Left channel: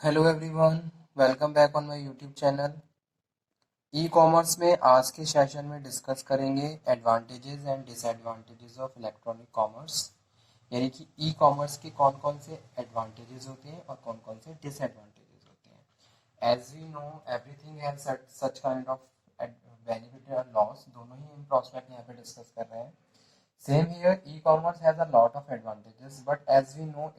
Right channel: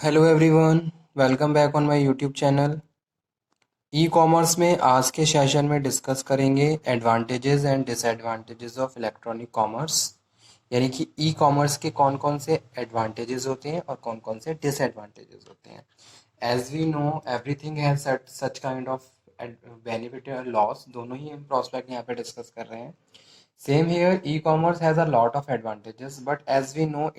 Hello everyone, welcome back on my YouTube channel. E commerce में आज के session में डिस्कस करेंगे advantages and disadvantages of electronic commerce. यानी कि ई कॉमर्स के कौन कौन से एडवांटेजेस होते हैं और कौन कौन से डिसएडवांटेजेस होते हैं। As we know everything has such kind of benefit और लॉस, दोनों ही हम प्रॉस्पेक्ट यहाँ पे डिस्कस कर रहे हैं। Same here, e commerce has a lot of advantages, but as we know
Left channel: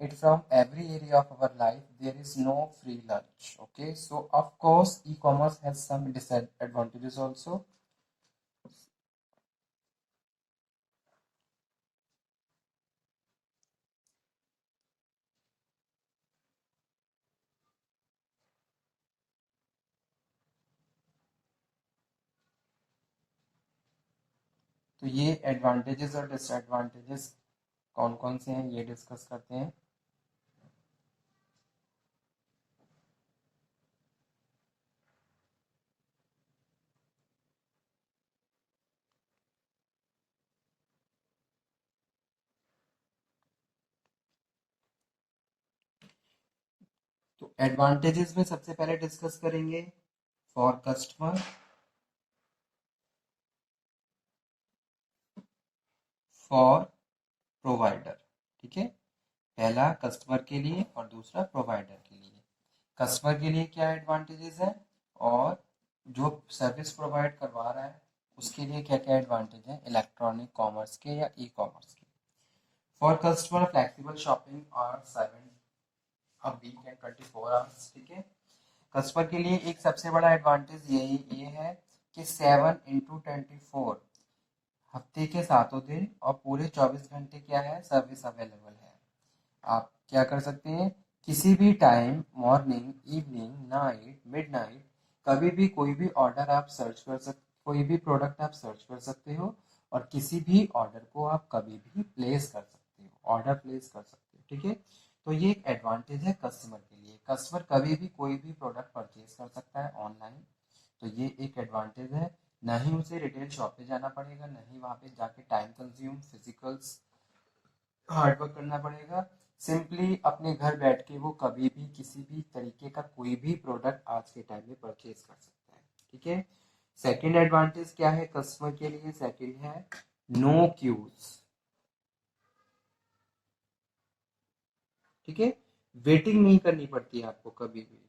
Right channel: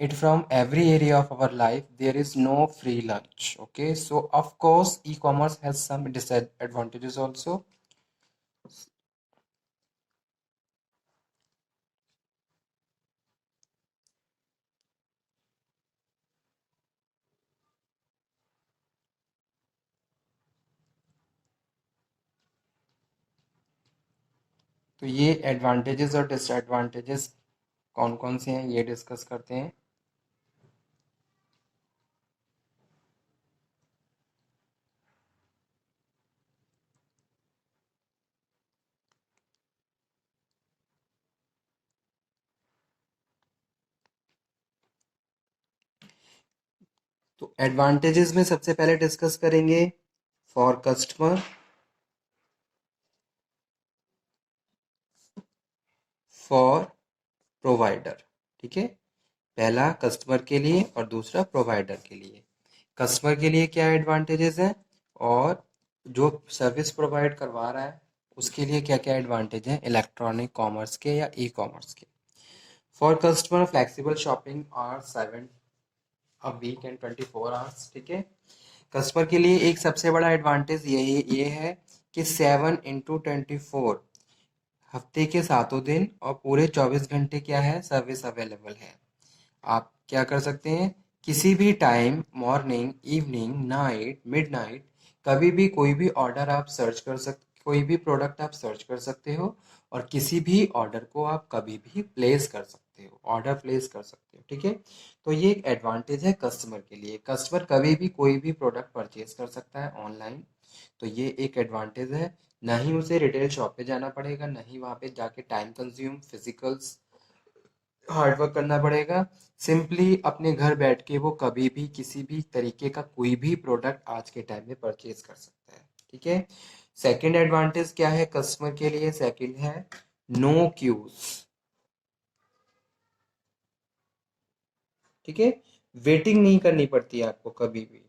it from every area of our life, there is no free lunch. Okay, so of course e-commerce has some disadvantages also. तो ये advantages और disadvantages कौन कौन से हैं ये discuss करते हैं। तो एडवांटेजेस में सबसे पहले डिस्कस करेंगे फॉर कस्टमर, फॉर प्रोवाइडर। ठीक है, पहला कस्टमर के लिए और दूसरा प्रोवाइडर के लिए। कस्टमर के लिए क्या एडवांटेजेस है और जो सर्विस प्रोवाइड करवा रहा है उसके लिए क्या क्या एडवांटेज है इलेक्ट्रॉनिक कॉमर्स के या ई कॉमर्स के। For customer flexible shopping hour 7 a week and 24 hours. ठीक है, कस्टमर के लिए एक सबसे बड़ा एडवांटेज ये है कि 7 into 24 हफ्ते के 7 दिन और पूरे 24 घंटे क्या है सर्विस अवेलेबल है। आप क्या कर सकते हैं, किसी भी time, morning, evening, night, midnight, कभी भी कोई भी ऑर्डर आप सर्च कर सकते, कोई भी प्रोडक्ट आप सर्च कर सकते हो और किसी भी ऑर्डर को आप कभी भी प्लेस कर सकते हो, ऑर्डर प्लेस कर सकते हो। ठीक है, तो ये एक एडवांटेज है कस्टमर के लिए। कस्टमर कभी भी कोई भी प्रोडक्ट परचेज कर सकता है ऑनलाइन, तो ये एक एडवांटेज है। ना ही उसे रिटेल शॉप पे जाना पड़ेगा, ना ही वहाँ पे जाके time consume physicals hard work करना पड़ेगा। सिंपली अपने घर बैठ के वो कभी भी किसी भी तरीके का कोई भी प्रोडक्ट आज के टाइम में परचेज कर सकता है। ठीक है, सेकंड एडवांटेज क्या है कस्टमर के लिए, सेकंड है नो क्यूज। ठीक है, वेटिंग नहीं करनी पड़ती है आपको कभी भी।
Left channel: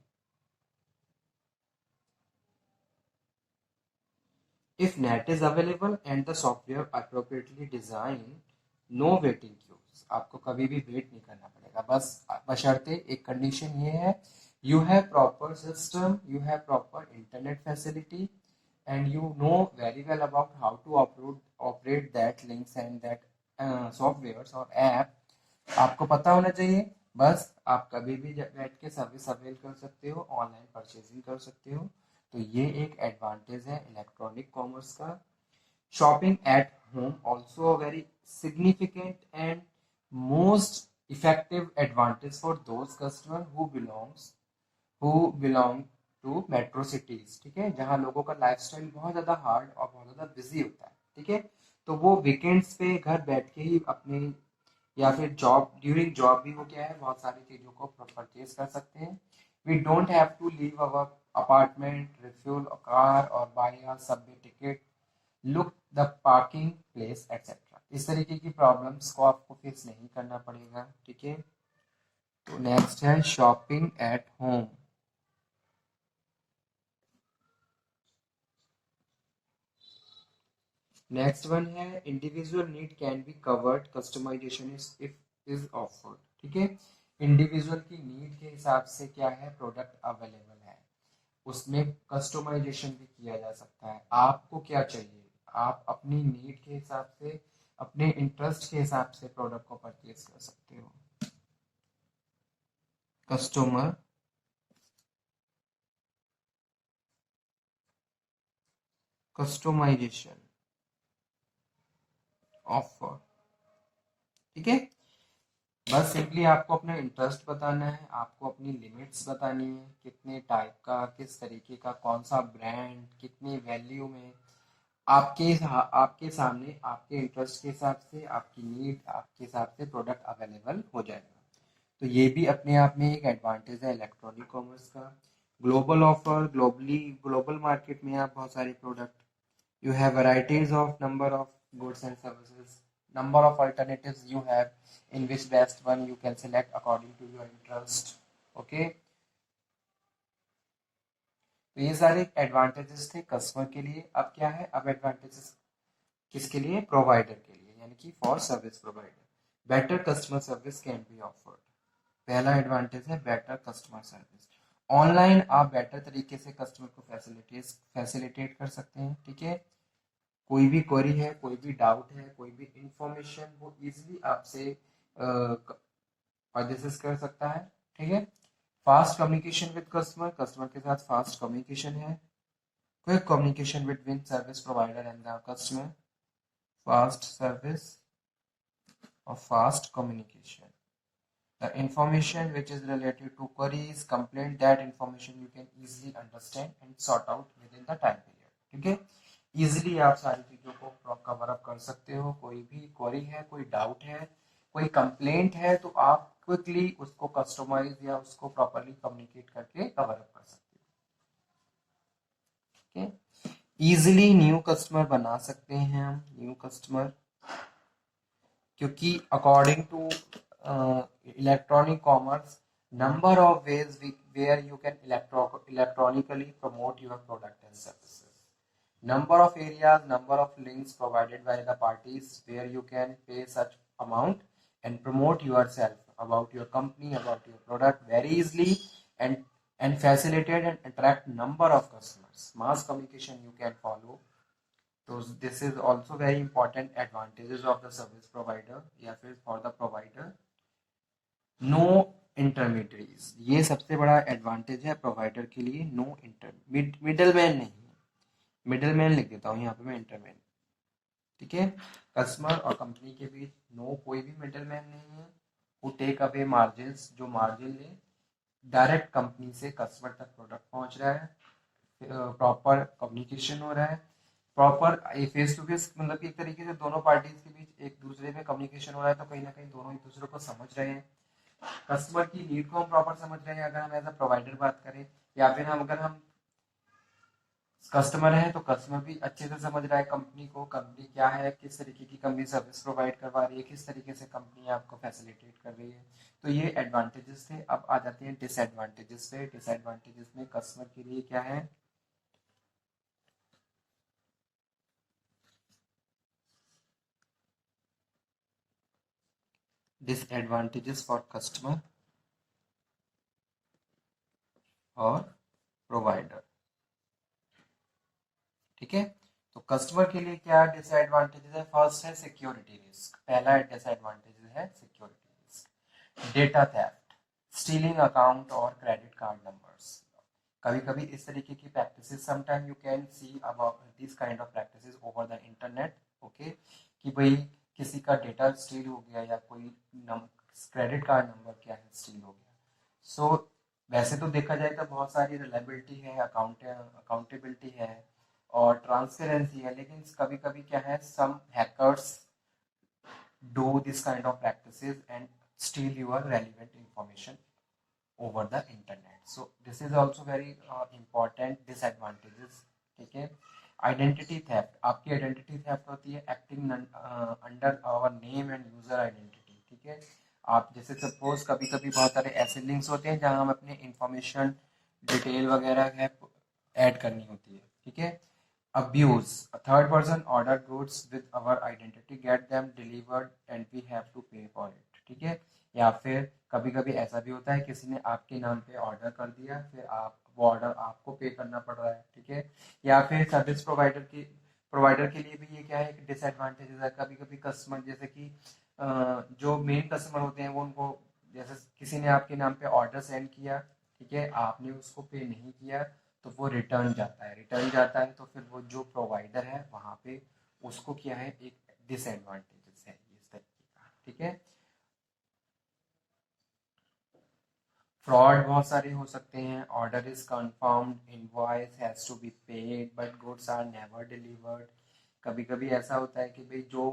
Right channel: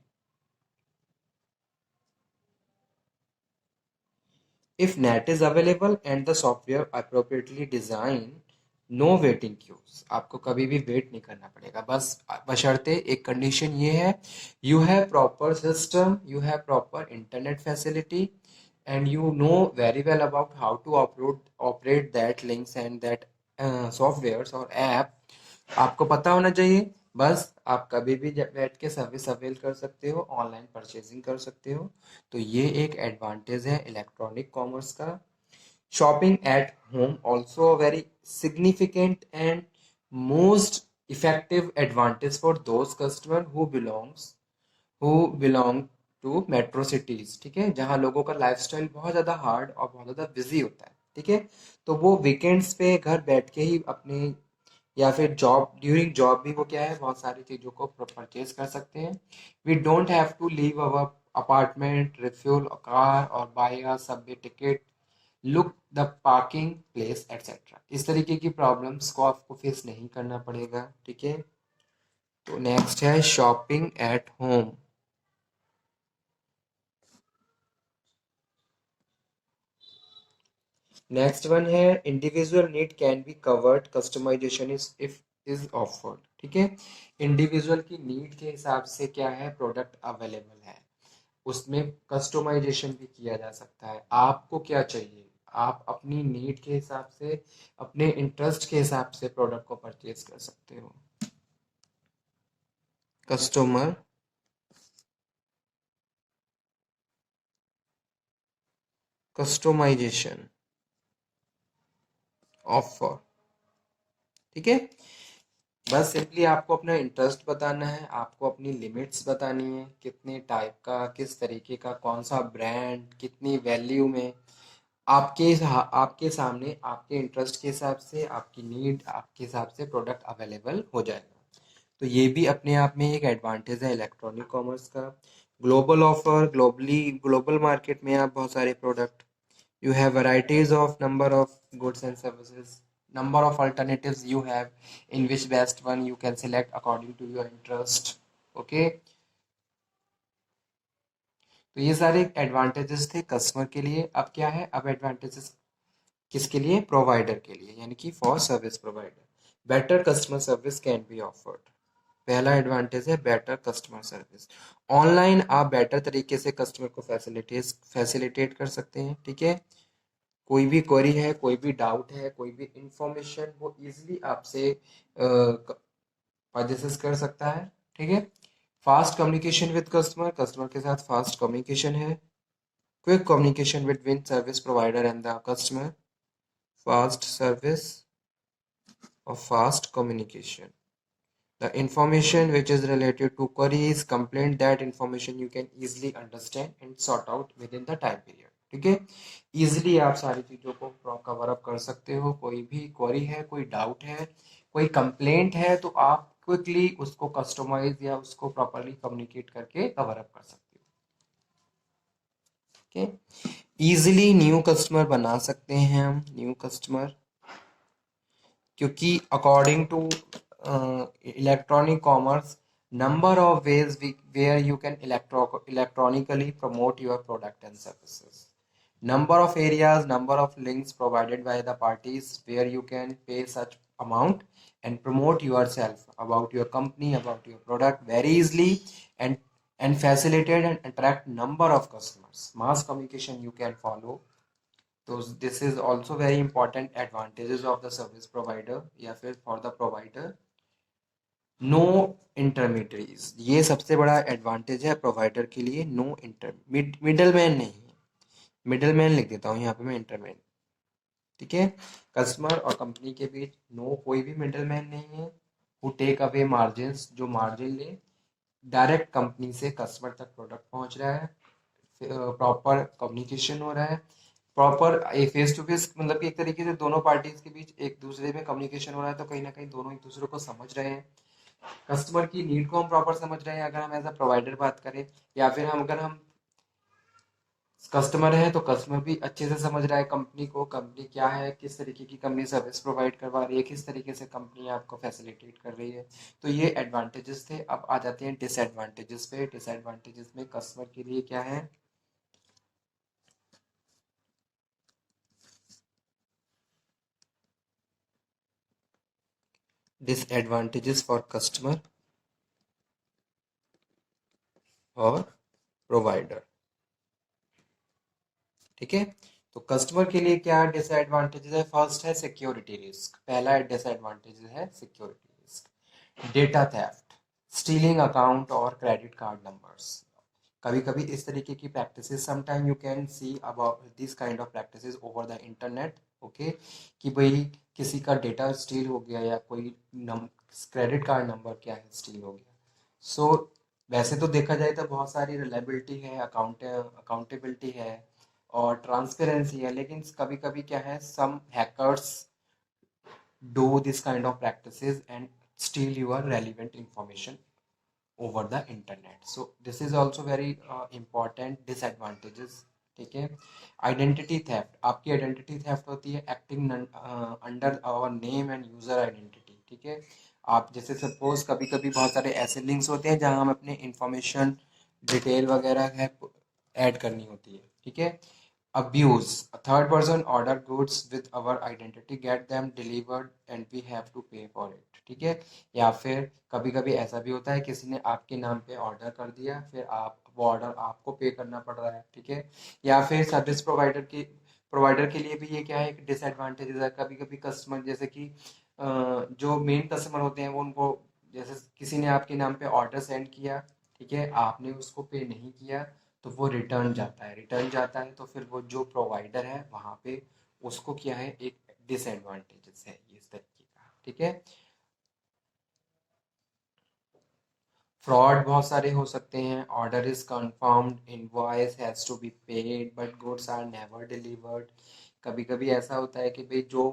If net is available and the software appropriately design, no waiting queues. आपको कभी भी वेट नहीं करना पड़ेगा, बस बशर्ते एक कंडीशन ये है, you have proper system, you have proper internet facility and you know very well about how to operate that links and that softwares और ऐप आपको पता होना चाहिए। बस आप कभी भी बैठ के सर्विस अवेल कर सकते हो, ऑनलाइन परचेजिंग कर सकते हो। तो ये एक एडवांटेज है इलेक्ट्रॉनिक कॉमर्स का। Shopping at home also very significant and most effective advantage for those customer who belong to metro cities. ठीक है, जहाँ लोगों का लाइफस्टाइल बहुत ज़्यादा हार्ड और बहुत ज़्यादा बिजी होता है। ठीक है, तो वो वीकेंड्स पे घर बैठ के ही अपने या फिर जॉब ड्यूरिंग जॉब भी वो क्या है बहुत सारी चीज़ों को परचेज कर सकते हैं। We don't have to leave our apartment, refuel car और buy a subway ticket, look the parking place etcetera. इस तरीके की प्रॉब्लम्स को आपको फेस नहीं करना पड़ेगा। ठीक है, तो नेक्स्ट है shopping at home. Next one है individual need can be covered, customization is offered. ठीक है, इंडिविजुअल की नीड के हिसाब से क्या है प्रोडक्ट अवेलेबल है, उसमें कस्टमाइजेशन भी किया जा सकता है। आपको क्या चाहिए, आप अपनी नीड के हिसाब से, अपने इंटरेस्ट के हिसाब से प्रोडक्ट को परचेज कर सकते हो। Customer customisation offer. ठीक है, बस सिंपली आपको अपना इंटरेस्ट बताना है, आपको अपनी लिमिट्स बतानी है, कितने टाइप का, किस तरीके का, कौन सा ब्रांड, कितनी वैल्यू में। आपके सामने आपके इंटरेस्ट के हिसाब से, आपकी नीड आपके हिसाब से प्रोडक्ट अवेलेबल हो जाएगा। तो ये भी अपने आप में एक एडवांटेज है इलेक्ट्रॉनिक कॉमर्स का। ग्लोबल ऑफर, ग्लोबल मार्केट में आप बहुत सारे product, you have varieties of number of goods and services, number of alternatives you have in which best one you can select according to your interest. Okay, तो ये सारे advantages थे customer के लिए। अब क्या है, अब एडवांटेजेस किसके लिए, प्रोवाइडर के लिए, यानी कि for service provider. Better customer service can be offered. पहला एडवांटेज है बेटर कस्टमर सर्विस। ऑनलाइन आप बेटर तरीके से कस्टमर को फैसिलिटेट कर सकते हैं। ठीक है, कोई भी क्वेरी है, कोई भी डाउट है, कोई भी इंफॉर्मेशन वो इजीली आपसे डिस्कस कर सकता है। ठीक है, fast communication with customer, customer के साथ फास्ट कम्युनिकेशन है। Quick communication between service provider and the customer, fast service और fast communication. The information which is related to queries, complaint, that information you can easily understand and sort out within the time period. ठीक है, easily आप सारी चीज़ों को cover up कर सकते हो। कोई भी क्वेरी है, कोई डाउट है, कोई कंप्लेंट है, तो आप क्विकली उसको कस्टमाइज या उसको प्रॉपरली कम्युनिकेट करके कवर अप कर सकते हो। ठीक है, इजीली न्यू कस्टमर बना सकते हैं हम, न्यू कस्टमर, क्योंकि according to electronic commerce, number of ways where you can electronically promote your product and services, number of areas, number of links provided by the parties where you can pay such amount and promote yourself, about your company, about your product very easily, and facilitate and attract number of customers, mass communication you can follow। तो this is also very important advantages of the service provider या फिर for the provider. No intermediaries, ये सबसे बड़ा advantage है provider के लिए। No middle man नहीं है, मिडल मैन लिख देता हूँ यहाँ पे मैं, इंटरमैन। ठीक है, कस्टमर और कंपनी के बीच नो कोई भी मिडल मैन नहीं है। हु टेक अवे मार्जिन, जो मार्जिन ले, डायरेक्ट कंपनी से कस्टमर तक प्रोडक्ट पहुँच रहा है, प्रॉपर कम्युनिकेशन हो रहा है, प्रॉपर एक फेस टू फेस, मतलब कि एक तरीके से दोनों पार्टीज के बीच एक दूसरे में कम्युनिकेशन हो रहा है, तो कहीं ना कहीं दोनों एक दूसरे को समझ रहे हैं, कस्टमर की नीड को हम प्रॉपर समझ रहे हैं अगर हम एज अ प्रोवाइडर बात करें, या फिर हम अगर हम कस्टमर है तो कस्टमर भी अच्छे से समझ रहा है कंपनी को, कंपनी क्या है, किस तरीके की कंपनी सर्विस प्रोवाइड करवा रही है, किस तरीके से कंपनी आपको फैसिलिटेट कर रही है। तो ये एडवांटेजेस थे। अब आ जाते हैं डिसएडवांटेजेस पे। डिसएडवांटेजेस में कस्टमर के लिए क्या है, डिसएडवांटेजेस फॉर कस्टमर और प्रोवाइडर। ठीक है, तो कस्टमर के लिए क्या डिसएडवांटेजेस है, फर्स्ट है सिक्योरिटी रिस्क। पहला डिसएडवांटेज है security risk. Data theft, stealing account और क्रेडिट कार्ड नंबर्स। कभी कभी इस तरीके की practices, sometime you can see about this kind of practices over the internet. Okay, कि भाई किसी का डेटा स्टील हो गया या कोई क्रेडिट कार्ड नंबर क्या है स्टील हो गया। सो वैसे तो देखा जाए तो बहुत सारी रिलायबिलिटी है, अकाउंटेबिलिटी है और ट्रांसपेरेंसी है, लेकिन कभी कभी क्या है, सम hackers do this kind of practices and steal your relevant information over the internet. So this is also very important disadvantages। ठीक है, आइडेंटिटी थेफ्ट, आपकी आइडेंटिटी थेफ्ट होती है acting under our name and user identity. ठीक है, आप जैसे suppose कभी कभी बहुत सारे ऐसे लिंक्स होते हैं जहां हम अपने इंफॉर्मेशन, डिटेल वगैरह है ऐड करनी होती है। ठीक है, abuse, a third person order goods with our identity, get them delivered and we have to pay for it। ठीक है, या फिर कभी कभी ऐसा भी होता है किसी ने आपके नाम पे ऑर्डर कर दिया, फिर आप वो ऑर्डर आपको पे करना पड़ रहा है। ठीक है, या फिर सर्विस प्रोवाइडर के लिए भी ये क्या है, एक डिसएडवांटेज है। कभी कभी कस्टमर जैसे कि जो मेन कस्टमर होते हैं वो, उनको जैसे किसी ने आपके नाम पे ऑर्डर सेंड किया, ठीक है, आपने उसको पे नहीं किया, तो वो रिटर्न जाता है। रिटर्न जाता है तो फिर वो जो प्रोवाइडर है वहाँ पे उसको क्या है, एक डिसएडवांटेजेस है ये इस तरीके का। ठीक है, फ्रॉड बहुत सारे हो सकते हैं। Order is confirmed, invoice has to be paid but goods are never delivered. कभी कभी ऐसा होता है कि भाई जो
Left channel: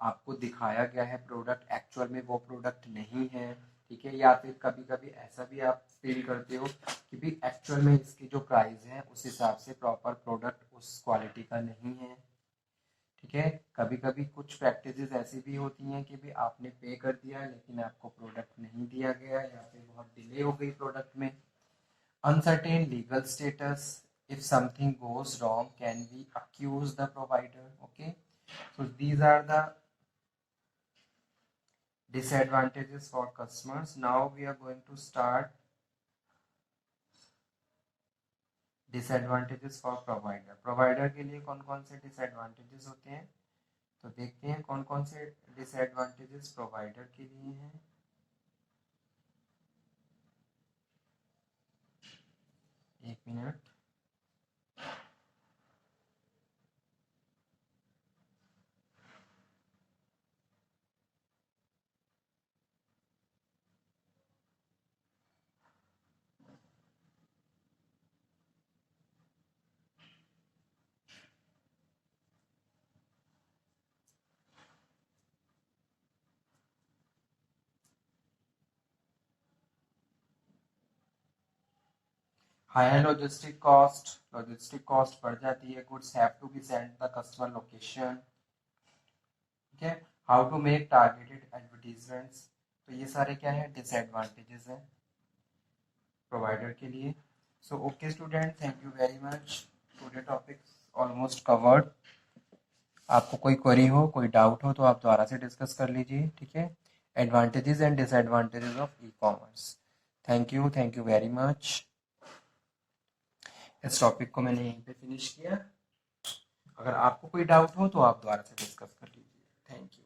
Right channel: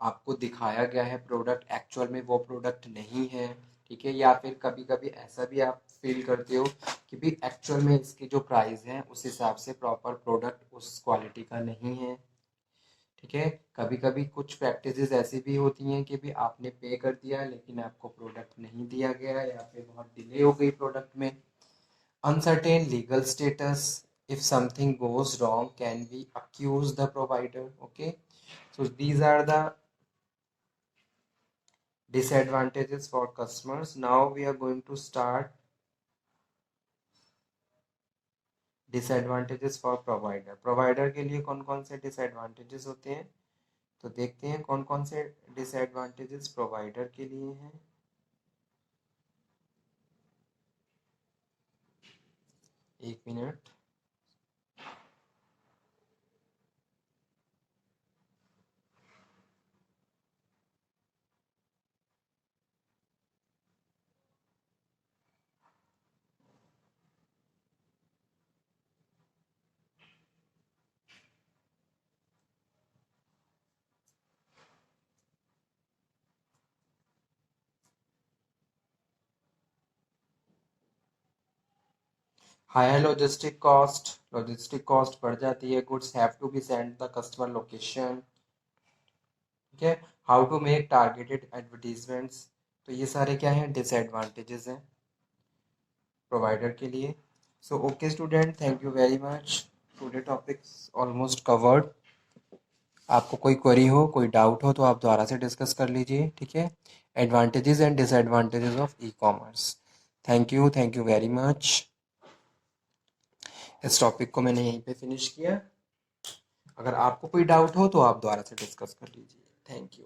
आपको दिखाया गया है प्रोडक्ट, एक्चुअल में वो प्रोडक्ट नहीं है। ठीक है। या फिर कभी कभी ऐसा भी आप फील करते हो कि भी एक्चुअल में इसकी जो प्राइस है उस हिसाब से प्रॉपर प्रोडक्ट उस क्वालिटी का नहीं है, ठीक है। कभी कभी कुछ प्रैक्टिसेस ऐसी भी होती हैं कि भी आपने पे कर दिया लेकिन आपको प्रोडक्ट नहीं दिया गया या फिर बहुत डिले हो गई प्रोडक्ट में। Uncertain legal status, if something goes wrong, can we accuse the provider? Okay, so these are the disadvantages for customers. Now we are going to start disadvantages for provider. Provider के लिए कौन कौन से disadvantages होते हैं, तो देखते हैं कौन कौन से disadvantages provider के लिए हैं। एक मिनट। हायर लॉजिस्टिक कॉस्ट बढ़ जाती है। Goods have to be send the customer location, ठीक है। How to make targeted advertisements, तो ये सारे क्या हैं, डिसएडवांटेजेस हैं प्रोवाइडर के लिए। So okay student, thank you very much. Today topics almost covered. आपको कोई क्वेरी हो, कोई डाउट हो तो आप दोबारा से डिस्कस कर लीजिए, ठीक है। Advantages and disadvantages of e commerce. Thank you very much. इस टॉपिक को मैंने यहीं पे फिनिश किया। अगर आपको कोई डाउट हो तो आप दोबारा से डिस्कस कर लीजिए। Thank you.